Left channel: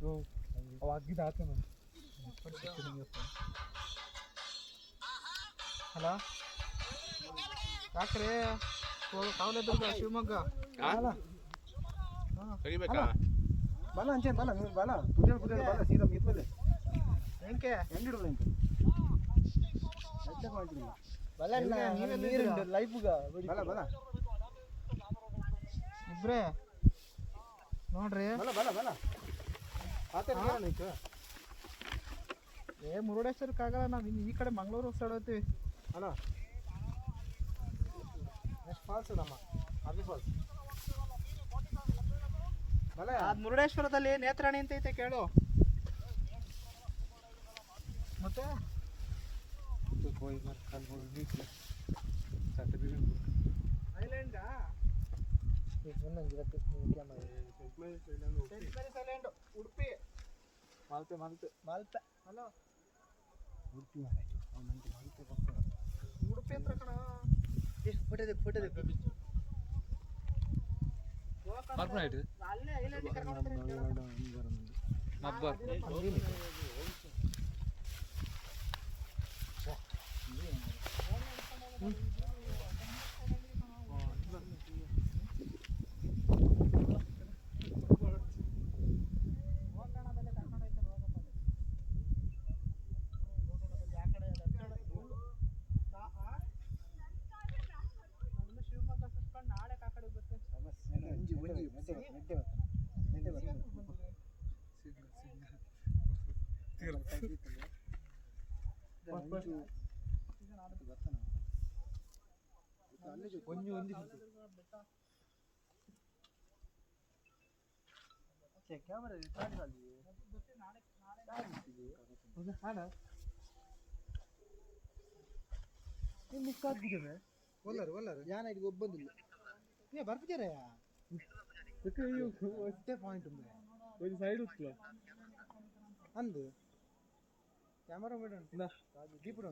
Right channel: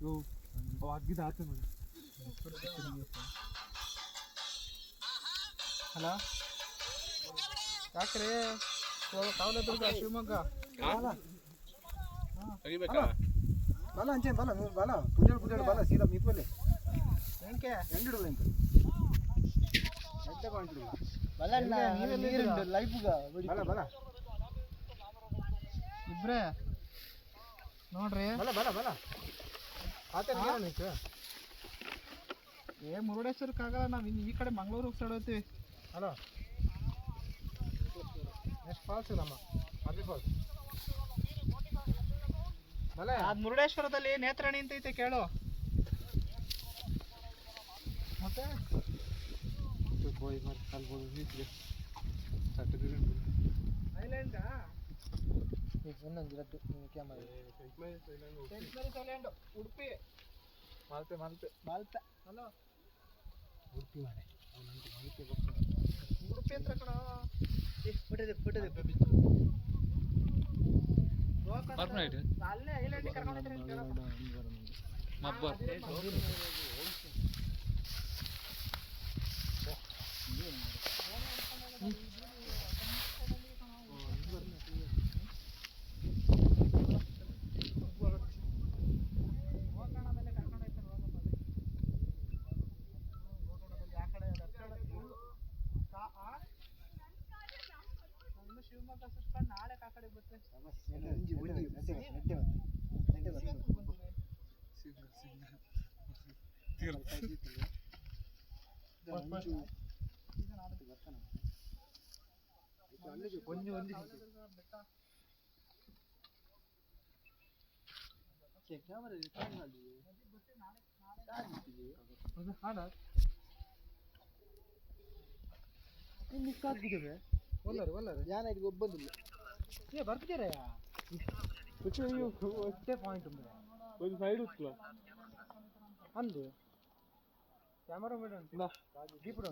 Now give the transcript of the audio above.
ಅವು ಅಗ್ಗಿದ ಆಚೆ ಮಾಡಿ. ಹಲೋ ಯಾಕ್ರಿ ಕಾವಲೆದುರ್ಗ ಶಿವಮೊಗ್ಗ ತೆಗಿಬೇಕಾ? ಬಲ ಅಂಚೆ ಬಲ ಬಲ ಪುಜಾರ್ ಪುಜಾರ್ ಬಲ ಸೀದಾ ಮಿತ್ವಲೆ ಏನಕ್ಕೆ ಎಂಡಿಡು ಅಂತ ಎಡ್ಡೆ ಪಾಯಿಂಟ್ ಬಲ ನೀವೆಲ್ಲ ಲೈಫ್ಗ ಬಲ ಬಲ ಇಬ್ರೇ ನೋಡ್ರಿ ಬಲ ಬಲ ಬಲ ಆತ ಏನಕ್ಕೆ ಮುರುಡೇಶ್ವರಕ್ಕಾಗಲ್ಲ ನಾವು ಇನ್ನು ಈ ಕಡೆ ಮಂಗಳೂರು ಸೈಡ್ ಹೋಗ್ತೀವಿ. ಹಲೋ ನೆಕ್ಸ್ಟ್ ಫಾಲ್ಸ್ ನಮ್ಮ ಅರ್ಬಿ ಫಾಲ್ಸ್ ಬಲ ಅದು ಮುರುಡೇಶ್ವರದಲ್ಲಿ ನೇತ್ರಾಣಿ ಅಂತ ಐತೆ ಕೇಳು. ಮತ್ತೆ ಹೋಗಿ ಮಾರ್ ಅಲ್ಲಿ ಹೋಗಿ ನಿಂತ್ಲೆ certificate island Udupi Malpe Malpe Malpe. Hello Udupi ಮಾರೆ ಅವನಂತ ಮಾಲ್ಪೆ ಬರ್ತಾನೆ ಉಡುಪಿ ಹತ್ರ ಕಣ ಅಲ್ಲೇ ಐಲ್ಯಾಂಡ್ ಕರ್ಕೊಂಡಿದ್ರೆ ಶಿವಮೊಗ್ಗ ಸುಸ್ಕೊಂಡು ನಾಳೆ ಆ ಕಡೆ ಬರ್ತೇನೆ. ಒಲ್ಲರು ಒಲ್ಲರು ಯಾನಿಗೆ ಒಬ್ಬಂದಿಲ್ಲ ಬರ್ತಿದ್ದಾರೆ ಒಟ್ಟೆ ಪಾಯಿಂಟ್ ಒಂದು ಸೈಡ್ ಉತ್ಲ ಅಂದು ಕ್ಯಾಮರಾ ಮೇಡಮ್ ದೀಪಡು